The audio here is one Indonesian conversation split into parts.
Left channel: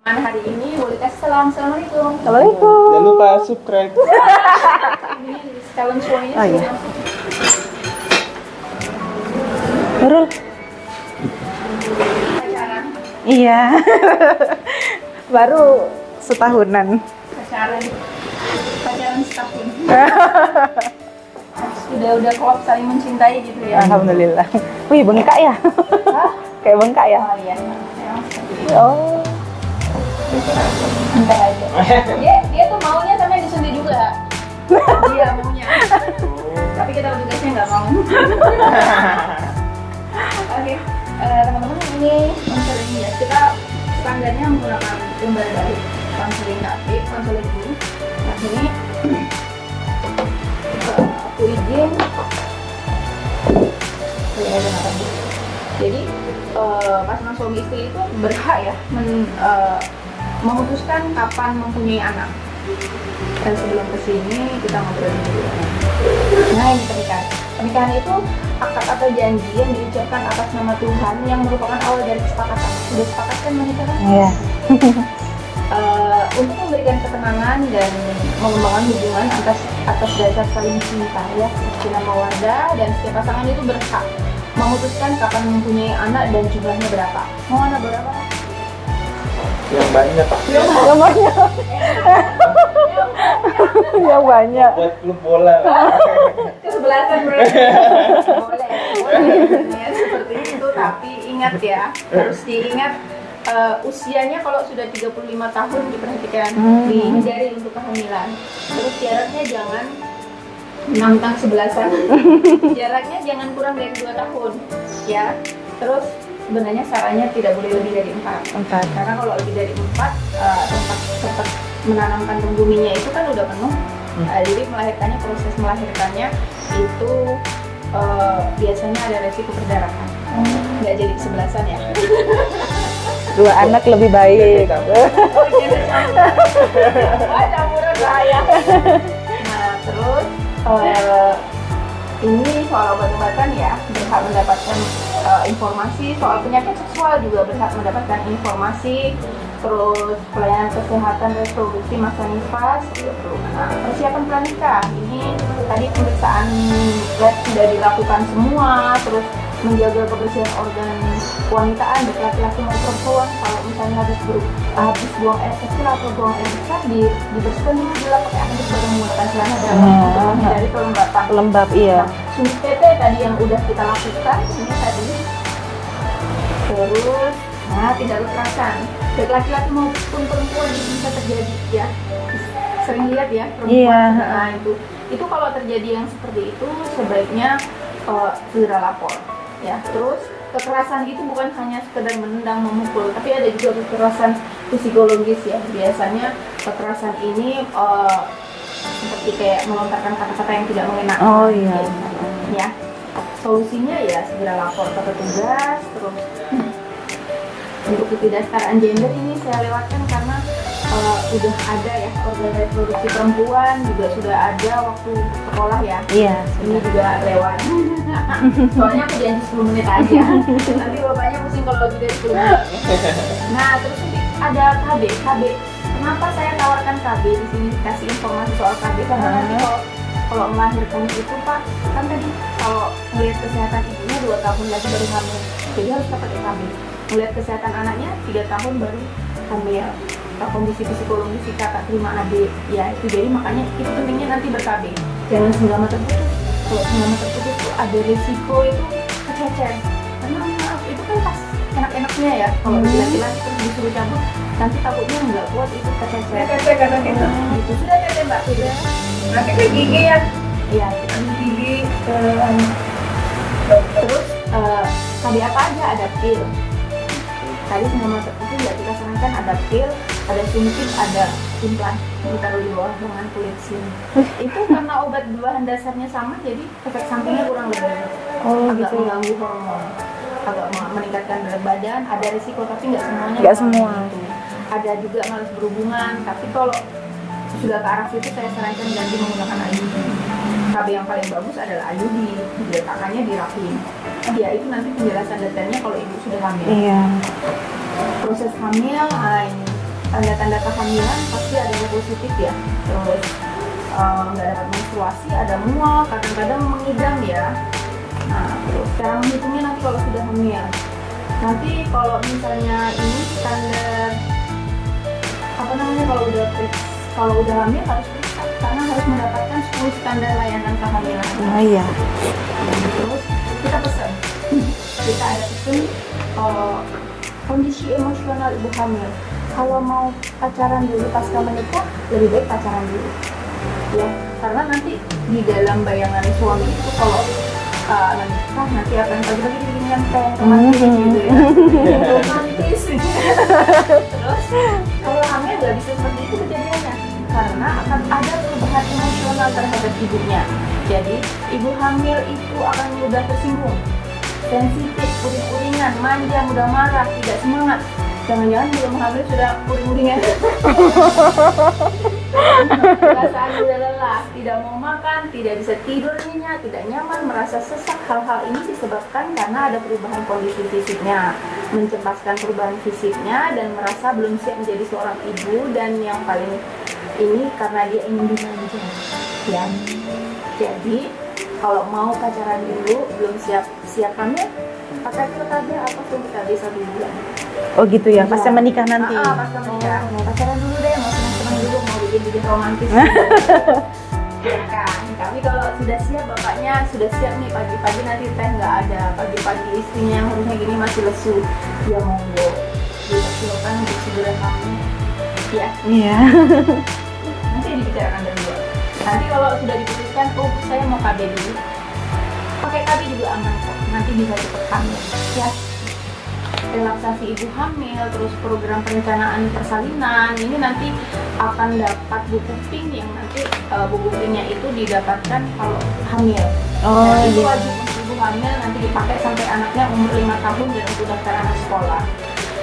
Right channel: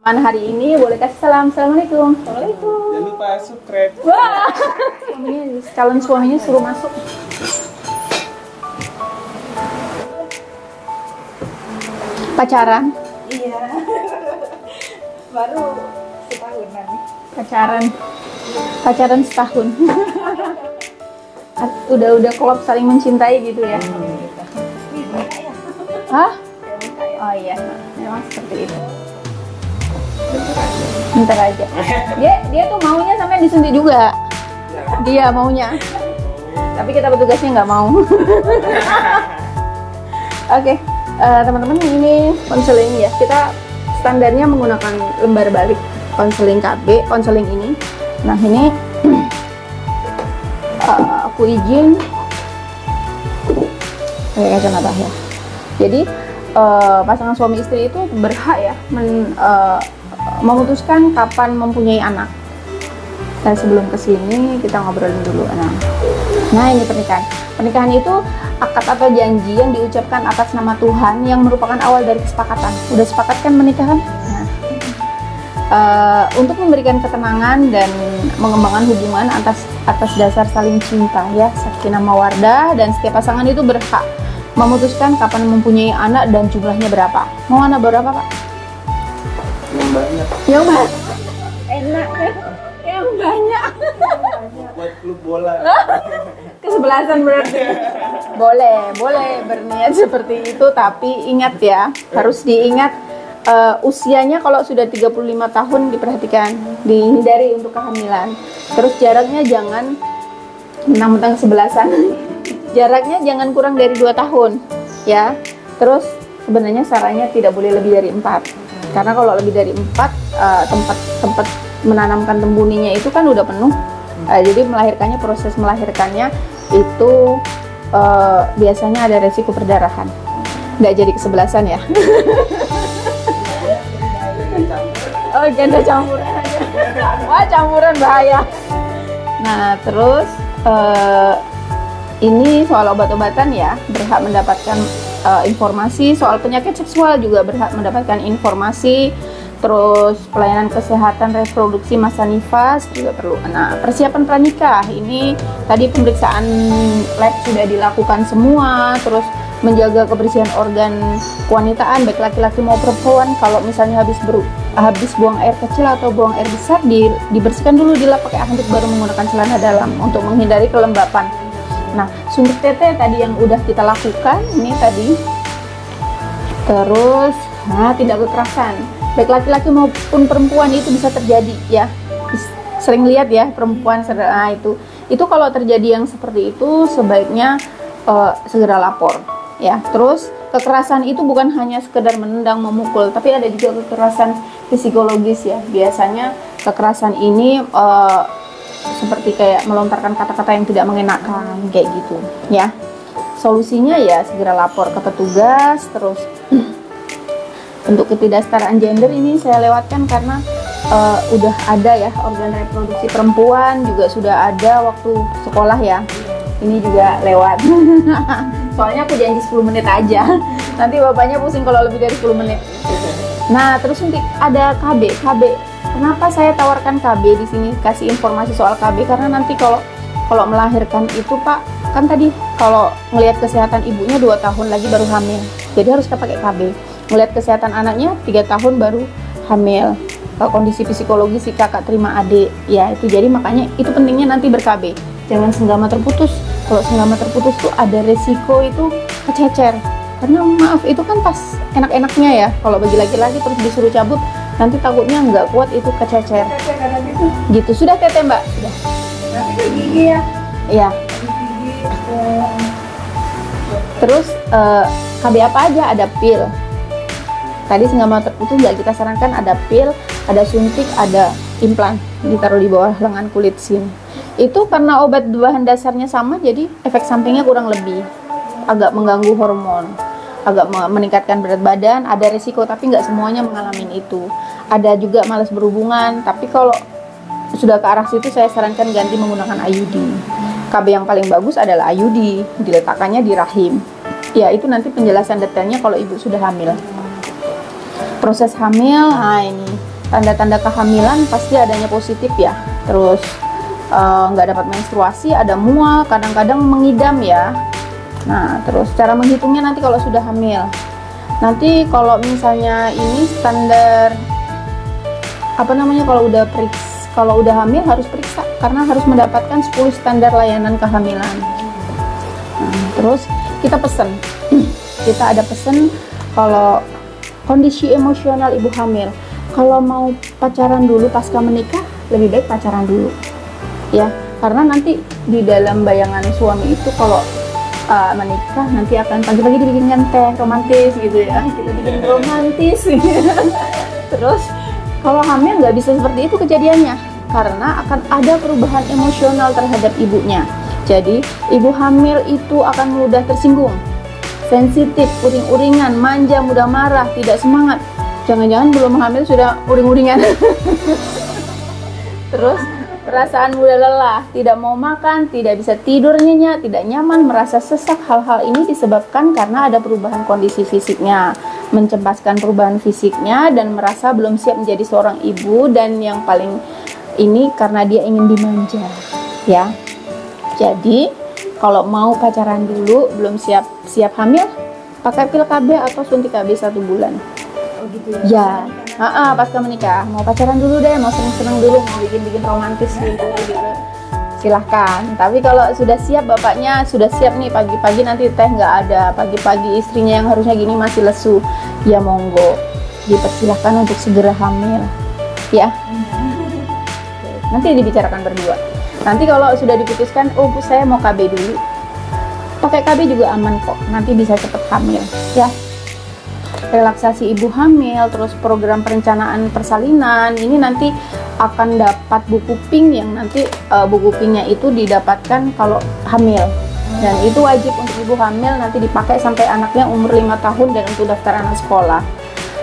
Mana hari ini boleh kasih salam. Assalamualaikum. Assalamualaikum. Jangan lupa subscribe. Ini calon suaminya suruh masuk. Nurul. Pacaran. Iya. Baru setahunan. Pacaran setahun. Udah klop saling mencintai gitu ya. Alhamdulillah. Wih, bengkak ya? Hah? Kayak bengkak ya? Oh iya. Memang seperti itu. Oh. Bentar aja. Dia tuh maunya sampai disuntik juga. Dia maunya. Tapi kita petugasnya nggak mau. Oke, teman-teman, ini konseling ya. Kita standarnya menggunakan lembar balik konseling KB, konseling ini. Nah ini aku izin. Kayak kacamata ya. Jadi pasangan suami istri itu berhak ya memutuskan kapan mempunyai anak. Dan sebelum kesini kita ngobrolin dulu. Nah ini pernikahan. Pernikahan itu akad atau janji yang diucapkan atas nama Tuhan yang merupakan awal dari kesepakatan. Udah sepakat kan menikah kan? Iya. Untuk memberikan ketenangan dan mengembangkan hubungan atas dasar saling cinta ya, sakinah mawaddah, dan setiap pasangan itu berhak memutuskan kapan mempunyai anak dan jumlahnya berapa. Mau anak berapa, Pak? Yang banyak. Yang banyak. Yang banyak. Buat klub bola. Kesebelasan berarti. boleh berniat seperti itu, tapi ingat ya, harus diingat usianya kalau sudah 35 tahun diperhatikan, dihindari untuk kehamilan. Terus jaraknya jangan mentang-mentang sebelasan. Jaraknya jangan kurang dari 2 tahun ya. Terus sebenarnya sarannya tidak boleh lebih dari 4. Karena kalau lebih dari 4 tempat menanamkan tembuninya itu kan udah penuh. Jadi proses melahirkannya itu biasanya ada resiko perdarahan. Nggak jadi kesebelasan ya. 2 anak lebih baik. Oh, janda campuran. Wah, campuran bahaya. Nah, terus ini soal obat-obatan ya, berhak mendapatkan informasi. Soal penyakit seksual juga berhak mendapatkan informasi. Terus pelayanan kesehatan reproduksi masa nifas juga perlu. Nah, persiapan pranikah ini tadi pemeriksaan lab sudah dilakukan semua. Terus menjaga kebersihan organ kewanitaan baik laki-laki maupun perempuan. Kalau misalnya habis buang air kecil atau buang air besar, dibersihkan dulu, dilap pakai handuk baru menggunakan celana dalam untuk menghindari kelembapan. Iya. Nah, suntik tete tadi yang udah kita lakukan ini tadi. Terus tindak kekerasan baik laki-laki maupun perempuan itu bisa terjadi ya. Sering lihat ya perempuan. Nah, itu kalau terjadi yang seperti itu sebaiknya segera lapor ya. Terus kekerasan itu bukan hanya sekedar menendang, memukul, tapi ada juga kekerasan psikologis ya. Biasanya kekerasan ini seperti kayak melontarkan kata-kata yang tidak mengenakan, kayak gitu ya. Solusinya ya segera lapor ke petugas. Terus untuk ketidaksetaraan gender ini saya lewatkan karena udah ada ya, organ reproduksi perempuan juga sudah ada waktu sekolah ya. Iya. Ini juga lewat. Soalnya aku janji 10 menit aja. Nanti bapaknya pusing kalau lebih dari 10 menit. Nah, terus ada KB. Kenapa saya tawarkan KB di sini, kasih informasi soal KB? Karena nanti kalau melahirkan itu Pak, kan tadi kalau ngelihat kesehatan ibunya 2 tahun lagi baru hamil. Jadi harus pakai KB. Ngelihat kesehatan anaknya 3 tahun baru hamil. Kondisi psikologi si kakak terima adik ya, itu jadi makanya itu pentingnya nanti ber-KB. Jangan senggama terputus. Kalau senggama terputus tuh ada resiko itu kececer. Karena maaf, itu kan pas enak-enaknya ya. Kalau bagi laki-laki terus disuruh cabut, nanti takutnya nggak kuat, itu kececer. Tete karena gitu. Gitu. Sudah tete Mbak? Sudah. Nanti ke gigi ya. Iya. Gigi Terus KB apa aja? Ada pil. Tadi senggama terputus nggak kita sarankan, ada pil, ada suntik, ada implan ditaruh di bawah lengan kulit sini. Itu karena obat bahan dasarnya sama, jadi efek sampingnya kurang lebih agak mengganggu hormon, agak meningkatkan berat badan, ada risiko tapi nggak semuanya mengalami itu. Ada juga malas berhubungan, tapi kalau sudah ke arah situ saya sarankan ganti menggunakan IUD. KB yang paling bagus adalah IUD, diletakkannya di rahim. Ya itu nanti penjelasan detailnya kalau ibu sudah hamil. Iya. Proses hamil, nah ini tanda-tanda kehamilan pasti adanya positif ya. Terus nggak dapat menstruasi, ada mual, kadang-kadang mengidam ya. Nah, terus cara menghitungnya nanti kalau sudah hamil. Nanti kalau misalnya ini standar apa namanya, kalau udah hamil harus periksa karena harus mendapatkan 10 standar layanan kehamilan. Iya. Terus kita pesen. Kita ada pesen kalau kondisi emosional ibu hamil. Kalau mau pacaran dulu pasca menikah, lebih baik pacaran dulu. Ya, karena nanti di dalam bayangan suami itu kalau menikah nanti akan pagi-pagi dibikinkan teh romantis gitu ya. Romantis gitu. Terus kalau hamil nggak bisa seperti itu kejadiannya karena akan ada perubahan emosional terhadap ibunya. Jadi ibu hamil itu akan mudah tersinggung, sensitif, uring-uringan, manja, mudah marah, tidak semangat. Jangan-jangan belum hamil sudah uring-uringan. Terus perasaan mudah lelah, tidak mau makan, tidak bisa tidur nyenyak, tidak nyaman, merasa sesak. Hal-hal ini disebabkan karena ada perubahan kondisi fisiknya, mencemaskan perubahan fisiknya dan merasa belum siap menjadi seorang ibu, dan yang paling ini karena dia ingin dimanja ya. Jadi kalau mau pacaran dulu belum siap hamil, pakai pil KB atau suntik KB 1 bulan. Oh gitu ya, pasca menikah nanti. Pasca menikah, mau pacaran dulu deh, mau seneng-seneng dulu, mau bikin-bikin romantis gitu. Silahkan. Tapi kalau sudah siap, bapaknya sudah siap nih, pagi-pagi nanti teh nggak ada, pagi-pagi istrinya yang harusnya gini masih lesu, ya monggo, dipersilahkan untuk segera hamil ya. Iya. Nanti dibicarakan berdua. Nanti kalau sudah diputuskan, oh Bu saya mau KB dulu, pakai KB juga aman kok, nanti bisa cepet hamil ya. Relaksasi ibu hamil, terus program perencanaan persalinan, ini nanti akan dapat buku pink yang nanti buku pinknya itu didapatkan kalau hamil. Dan itu wajib untuk ibu hamil, nanti dipakai sampai anaknya umur 5 tahun dan untuk daftar anak sekolah.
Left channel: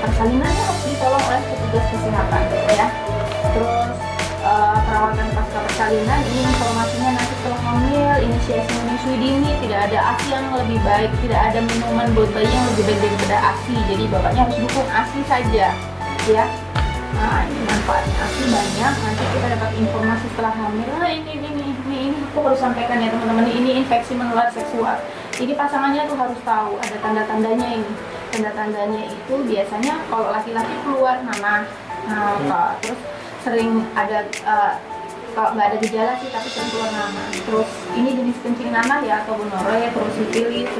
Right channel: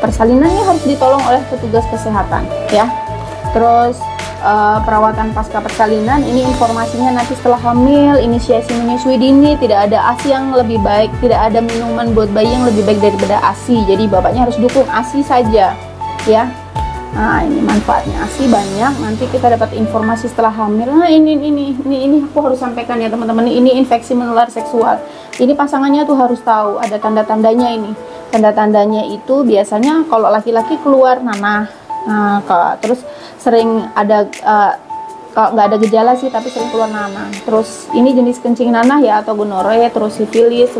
Persalinannya harus ditolong oleh petugas kesehatan ya. Terus perawatan pasca persalinan, ini informasinya nanti setelah hamil, inisiasi menyusui dini, tidak ada ASI yang lebih baik, tidak ada minuman buat bayi yang lebih baik daripada ASI. Jadi bapaknya harus dukung ASI saja ya. Nah, ini manfaatnya ASI banyak. Nanti kita dapat informasi setelah hamil. Nah, ini aku harus sampaikan ya teman-teman, ini infeksi menular seksual. Ini pasangannya tuh harus tahu ada tanda-tandanya ini. Tanda-tandanya itu biasanya kalau laki-laki keluar nanah. Nah, terus sering ada kalau nggak ada gejala sih tapi sering keluar nanah. Terus ini jenis kencing nanah ya atau gonorrea, terus sifilis,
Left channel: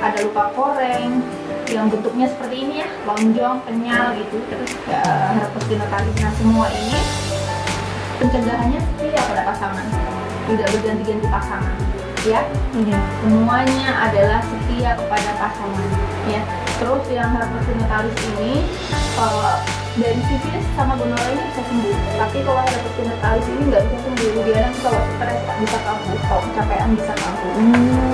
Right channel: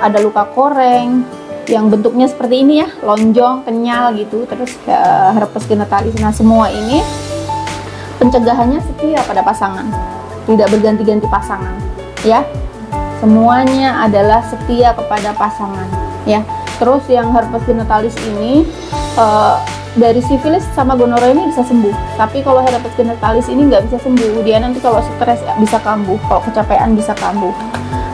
ada luka koreng yang bentuknya seperti ini ya, lonjong, kenyal gitu, terus herpes genitalis. Nah, semua ini pencegahannya setia pada pasangan, tidak berganti-ganti pasangan ya. Semuanya adalah setia kepada pasangan ya. Terus yang herpes genitalis ini dari sifilis sama gonorrea ini bisa sembuh, tapi kalau herpes genitalis ini nggak bisa sembuh. Dia nanti kalau stres bisa kambuh, kalau kecapean bisa kambuh.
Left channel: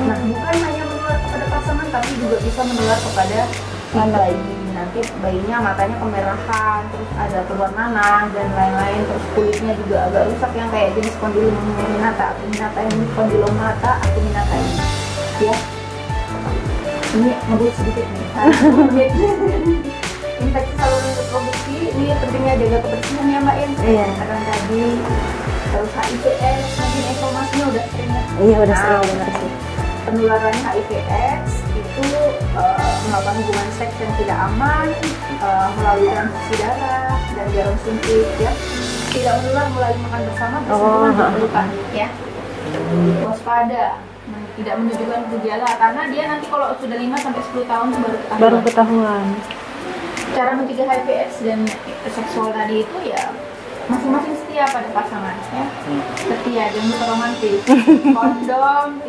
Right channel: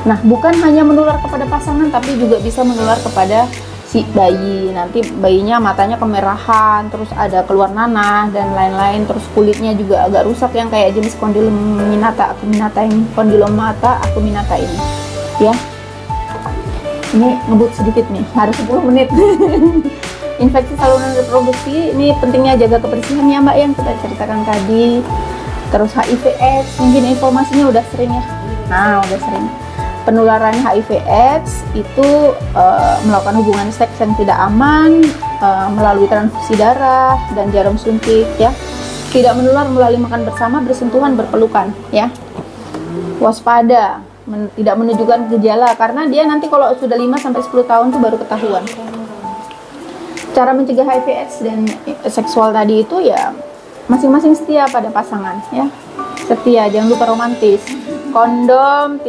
Nah, bukan hanya menular kepada pasangan, tapi juga bisa menular kepada si bayi. Nanti bayinya matanya kemerahan, terus ada keluar nanah dan lain-lain. Terus kulitnya juga agak rusak yang kayak jenis acuminata ini ya. Ini ngebut sedikit nih, harus 10 menit. Infeksi saluran reproduksi, ini pentingnya jaga kebersihan ya Mbak yang kita ceritakan tadi. Terus HIV/AIDS, mungkin informasinya udah sering ya. Iya, udah sering. Penularan HIV/AIDS itu melakukan hubungan seks yang tidak aman melalui transfusi darah dan jarum suntik ya. Tidak menular melalui makan bersama, bersentuhan, berpelukan ya. Waspada, tidak menunjukkan gejala karena dia nanti kalau sudah 5-10 tahun tuh baru ketahuan. Cara mencegah HIV/AIDS dan seksual tadi itu ya masing-masing setia pada pasangan ya. Setia, jangan lupa romantis. Kondom,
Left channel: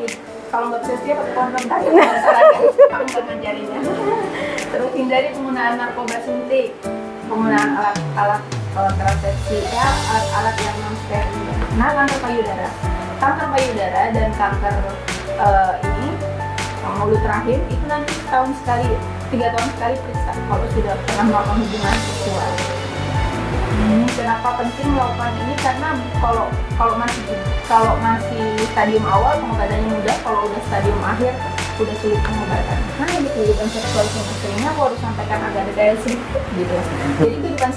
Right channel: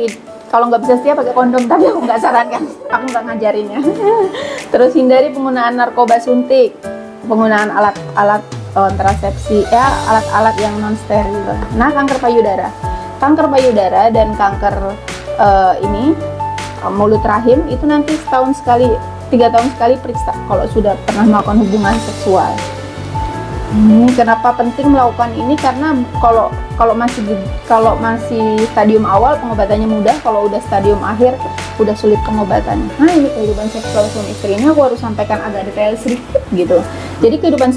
kalau nggak bisa setia pakai kondom tadi aku nggak sarankan, aku nggak ngajarinnya. Terus hindari penggunaan narkoba suntik, penggunaan alat kontrasepsi ya, alat-alat yang non steril. Nah, kanker payudara dan kanker mulut rahim itu nanti setahun sekali, 3 tahun sekali periksa kalau sudah pernah melakukan hubungan seksual. Kenapa penting melakukan ini? Karena kalau masih stadium awal pengobatannya mudah, kalau udah stadium akhir udah sulit pengobatan. Nah, ini kehidupan seksual suami istri ini aku harus sampaikan agak detail sedikit gitu. Jadi kehidupan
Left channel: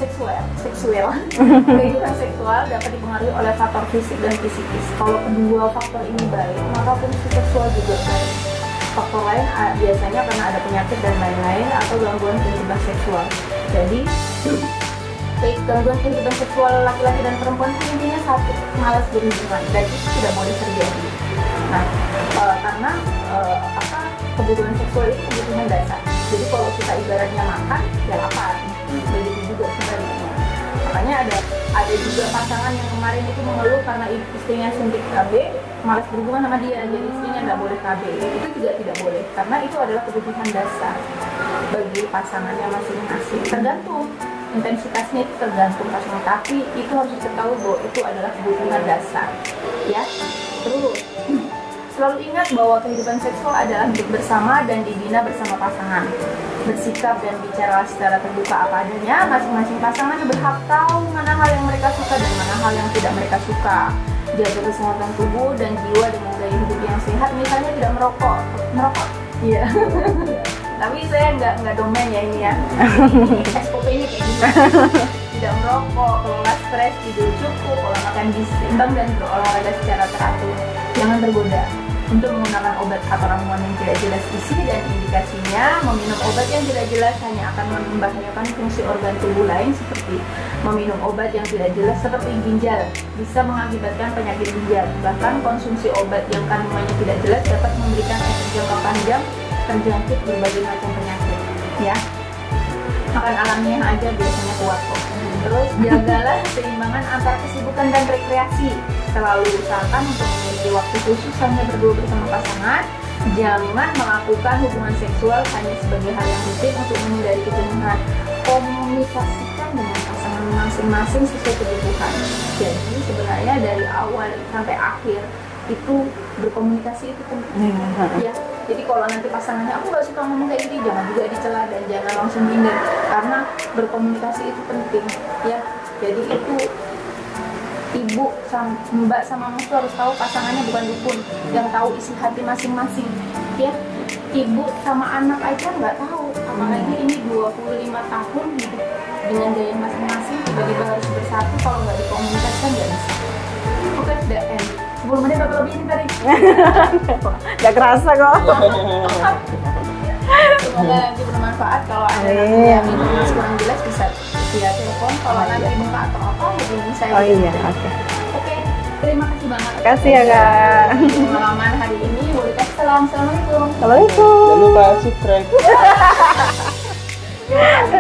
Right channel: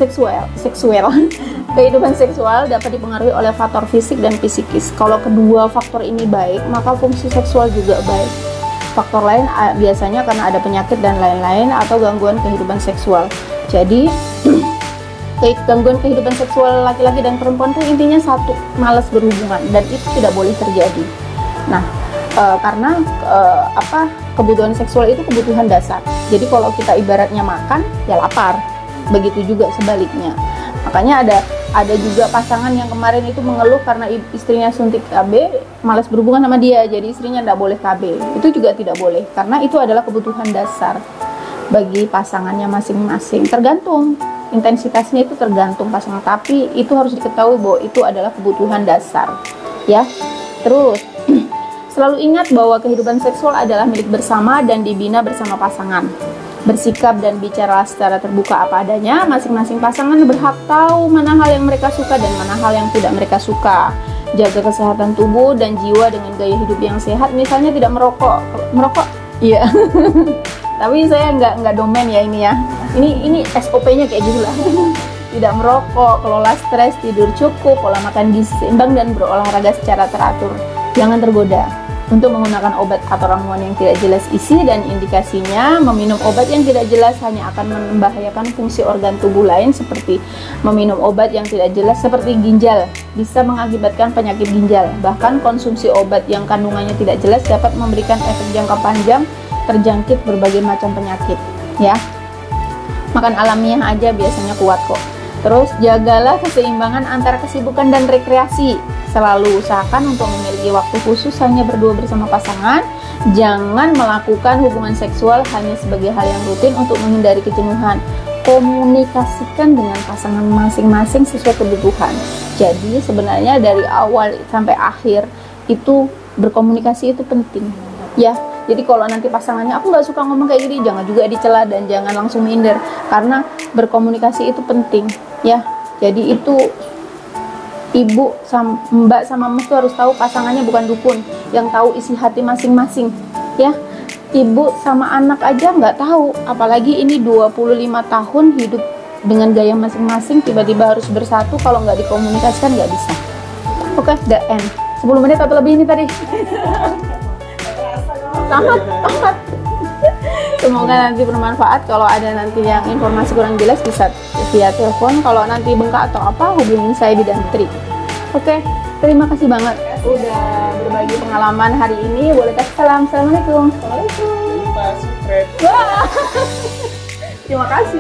kehidupan seksual dapat dipengaruhi oleh faktor fisik dan psikis. Kalau kedua faktor ini baik, maka fungsi seksual juga baik. Faktor lain biasanya karena ada penyakit dan lain-lain atau gangguan kehidupan seksual. Jadi gangguan kehidupan seksual laki-laki dan perempuan itu intinya satu, malas berhubungan, dan itu tidak boleh terjadi. Nah, karena kebutuhan seksual itu kebutuhan dasar. Jadi kalau kita ibaratnya makan, ya lapar. Begitu juga sebaliknya. Makanya ada juga pasangan yang kemarin itu mengeluh karena istrinya suntik KB, malas berhubungan sama dia, jadi istrinya tidak boleh KB. Itu juga tidak boleh, karena itu adalah kebutuhan dasar bagi pasangannya masing-masing. Tergantung intensitasnya, itu tergantung pasangan, tapi itu harus diketahui bahwa itu adalah kebutuhan dasar, ya. Terus selalu ingat bahwa kehidupan seksual adalah milik bersama dan dibina bersama pasangan. Bersikap dan bicara secara terbuka apa adanya. Masing-masing pasangan berhak tahu mana hal yang mereka suka dan mana hal yang tidak mereka suka. Jaga kesehatan tubuh dan jiwa dengan gaya hidup yang sehat, misalnya tidak merokok. Iya. Tapi saya nggak domain ya ini ya. Ini SOP-nya kayak gitu. Tidak merokok, kelola stres, tidur cukup, pola makan gizi seimbang, dan berolahraga secara teratur. Jangan tergoda untuk menggunakan obat atau ramuan yang tidak jelas isi dan indikasinya. Meminum obat yang tidak jelas hanya akan membahayakan fungsi organ tubuh lain, seperti meminum obat yang tidak jelas seperti ginjal, bisa mengakibatkan penyakit ginjal. Bahkan konsumsi obat yang kandungannya tidak jelas dapat memberikan efek jangka panjang, terjangkit berbagai macam penyakit, ya. Makan alamiah aja biasanya kuat kok. Terus jagalah keseimbangan antara kesibukan dan rekreasi. Selalu usahakan untuk memiliki waktu khusus hanya berdua bersama pasangan. Jangan melakukan hubungan seksual hanya sebagai hal yang rutin untuk menghindari kejenuhan. Komunikasikan dengan pasangan masing-masing sesuai kebutuhan. Jadi sebenarnya dari awal sampai akhir itu berkomunikasi itu penting, ya. Jadi kalau nanti pasangannya aku nggak suka ngomong kayak gini, jangan juga dicela dan jangan langsung minder, karena berkomunikasi itu penting, ya. Jadi itu ibu mbak sama mas tuh harus tahu pasangannya bukan dukun yang tahu isi hati masing-masing, ya. Ibu sama anak aja nggak tahu, apalagi ini 25 tahun hidup dengan gaya masing-masing, tiba-tiba harus bersatu. Kalau nggak dikomunikasikan nggak bisa. Oke, the end. 10 menit atau lebih ini tadi. Gak kerasa kok. Semoga nanti bermanfaat. Kalau ada nanti yang informasi kurang jelas bisa via telepon. Kalau nanti bengkak atau apa, hubungi saya di Gantri. Oke, terima kasih banget. Kasih ya Kak. Pengalaman hari ini. Boleh kasih salam. Assalamualaikum. Assalamualaikum. Jangan lupa subscribe. Terima kasih.